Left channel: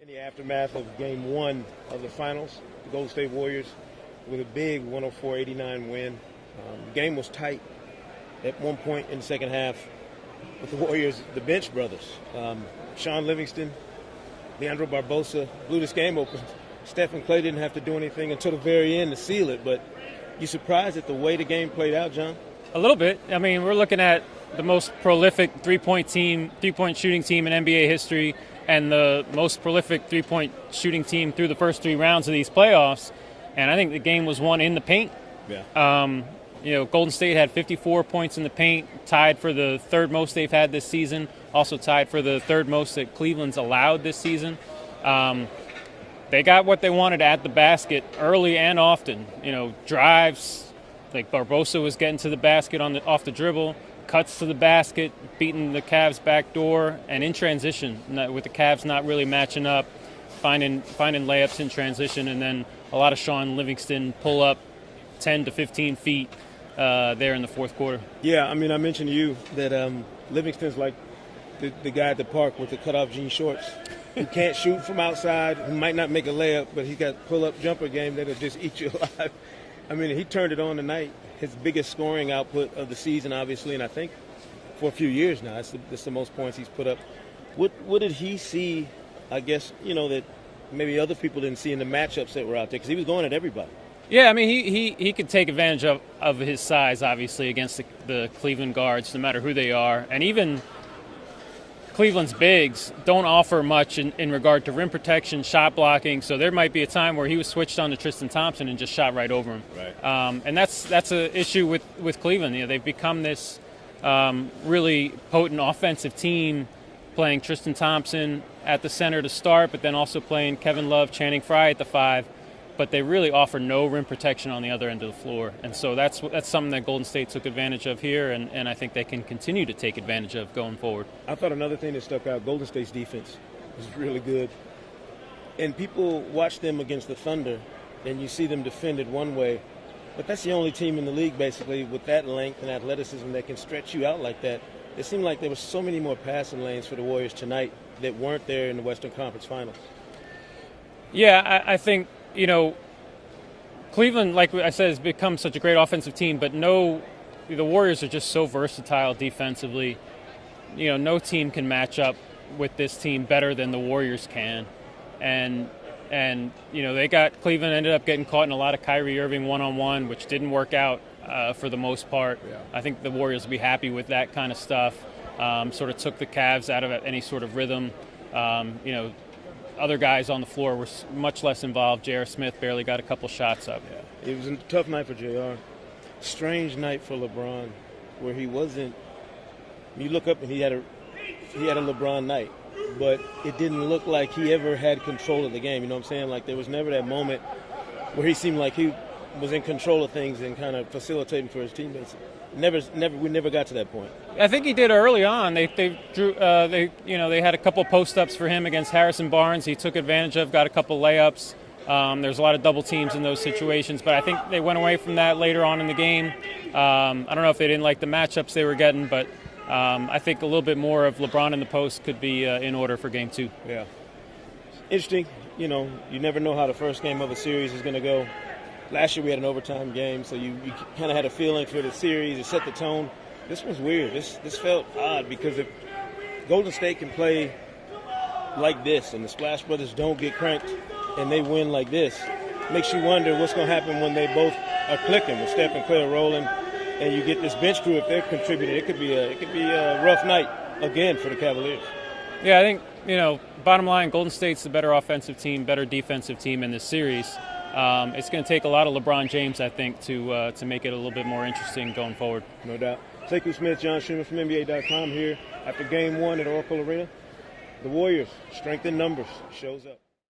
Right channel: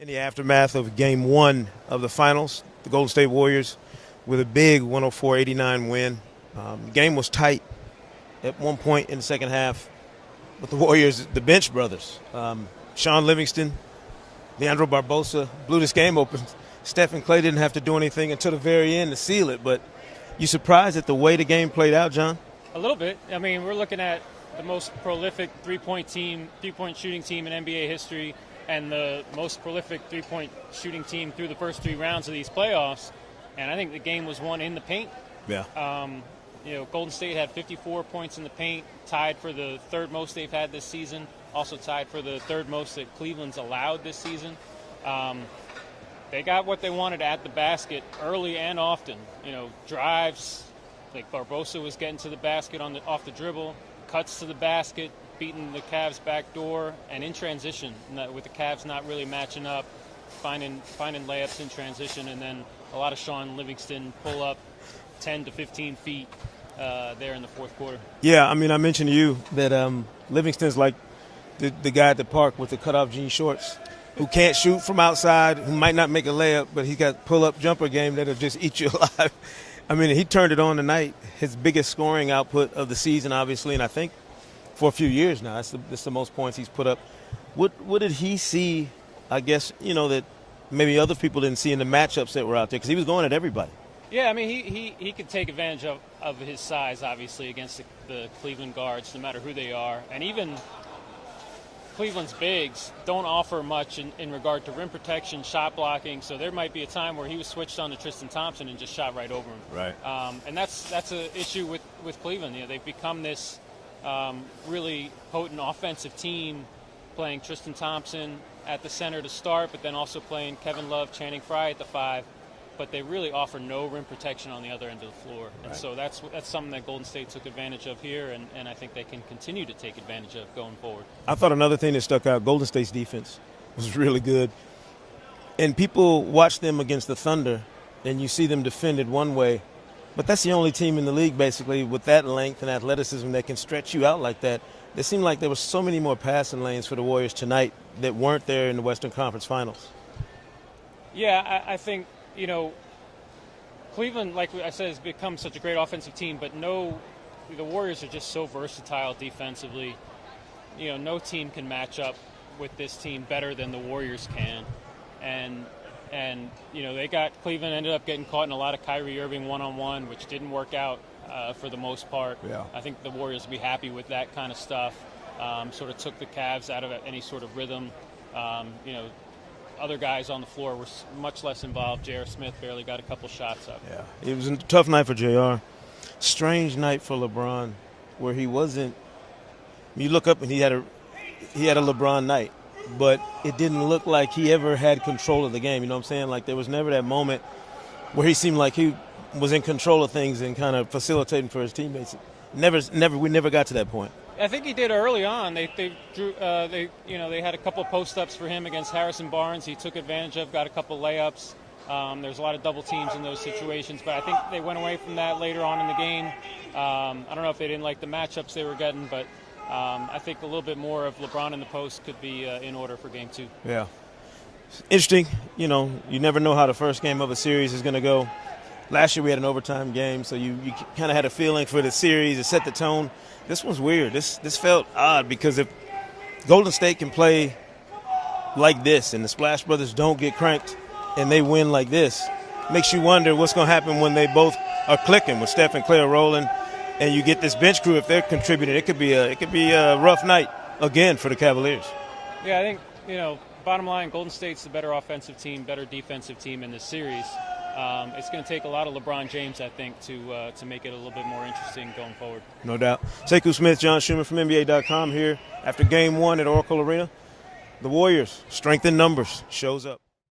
In the aftermath of Game 1 of the finals, the Golden State Warriors with a big 104-89 win. Game was tight at one point in the second half with the Warriors, the bench brothers. Sean Livingston, Leandro Barbosa blew this game open. Steph and Clay didn't have to do anything until the very end to seal it. But you surprised at the way the game played out, John? A little bit. I mean, we're looking at the most prolific three-point shooting team in NBA history, and the most prolific three-point shooting team through the first three rounds of these playoffs. And I think the game was won in the paint. Yeah. Golden State had 54 points in the paint, tied for the third most they've had this season, also tied for the third most that Cleveland's allowed this season. They got what they wanted at the basket early and often. Drives, like Barbosa was getting to the basket off the dribble, cuts to the basket, beating the Cavs back door, and in transition, with the Cavs not really matching up, finding layups in transition, and then a lot of Sean Livingston pull up 10 to 15 feet there in the fourth quarter. Yeah, I mean, I mentioned to you that Livingston's like the guy at the park with the cutoff jean shorts who can't shoot from outside, who might not make a layup, but he's got pull-up jumper game that'll just eat you alive. I mean, he turned it on tonight. His biggest scoring output of the season, obviously, and I think for a few years now. That's the most points he's put up. What did he see, I guess, that maybe other people didn't see in the matchups that were out there? Because he was going at everybody. Yeah, I mean, he could take advantage of his size, obviously, against the Cleveland guards, no matter who they are. And even Cleveland's bigs don't offer much in regard to rim protection, shot blocking. So there might be a time where he was switched on to Tristan Thompson and just shot right over him. Right. And that's an issue with Cleveland. They've become this really potent offensive team, playing Tristan Thompson at the center to start, but then also playing Kevin Love, Channing Frye at the 5. But they really offer no rim protection on the other end of the floor. And so that's something that Golden State took advantage of here, and I think they can continue to take advantage of going forward. I thought another thing that stuck out, Golden State's defense was really good. And people watch them against the Thunder, and you see them defended one way. But that's the only team in the league, basically, with that length and athleticism that can stretch you out like that. It seemed like there were so many more passing lanes for the Warriors tonight that weren't there in the Western Conference Finals. Yeah, I think – Cleveland, like I said, has become such a great offensive team, but the Warriors are just so versatile defensively. No team can match up with this team better than the Warriors can. And Cleveland ended up getting caught in a lot of Kyrie Irving one-on-one, which didn't work out for the most part. Yeah. I think the Warriors will be happy with that kind of stuff. Sort of took the Cavs out of any sort of rhythm. Other guys on the floor were much less involved. J.R. Smith barely got a couple shots up. Yeah, it was a tough night for J.R. Strange night for LeBron, where he wasn't. You look up and he had a LeBron night, but it didn't look like he ever had control of the game. You know what I'm saying? Like there was never that moment where he seemed like he was in control of things and kind of facilitating for his teammates. We never got to that point. I think he did early on. They had a couple post-ups for him against Harrison Barnes. He took advantage of, got a couple layups. There's a lot of double teams in those situations, but I think they went away from that later on in the game. I don't know if they didn't like the matchups they were getting, but I think a little bit more of LeBron in the post could be in order for Game 2. Yeah. Interesting. You never know how the first game of a series is going to go. Last year we had an overtime game, so you kind of had a feeling for the series. It set the tone. This was weird. This felt odd because if Golden State can play like this and the Splash Brothers don't get cranked and they win like this, it makes you wonder what's going to happen when they both are clicking, with Steph and Clay rolling, and you get this bench crew. If they're contributing, it could be a rough night again for the Cavaliers. Yeah, I think bottom line, Golden State's the better offensive team, better defensive team in this series. It's going to take a lot of LeBron James, I think, to make it a little bit more interesting going forward. No doubt. Sekou Smith, John Schuhmann from NBA.com here after Game 1 at Oracle Arena. The Warriors, strength in numbers, shows up.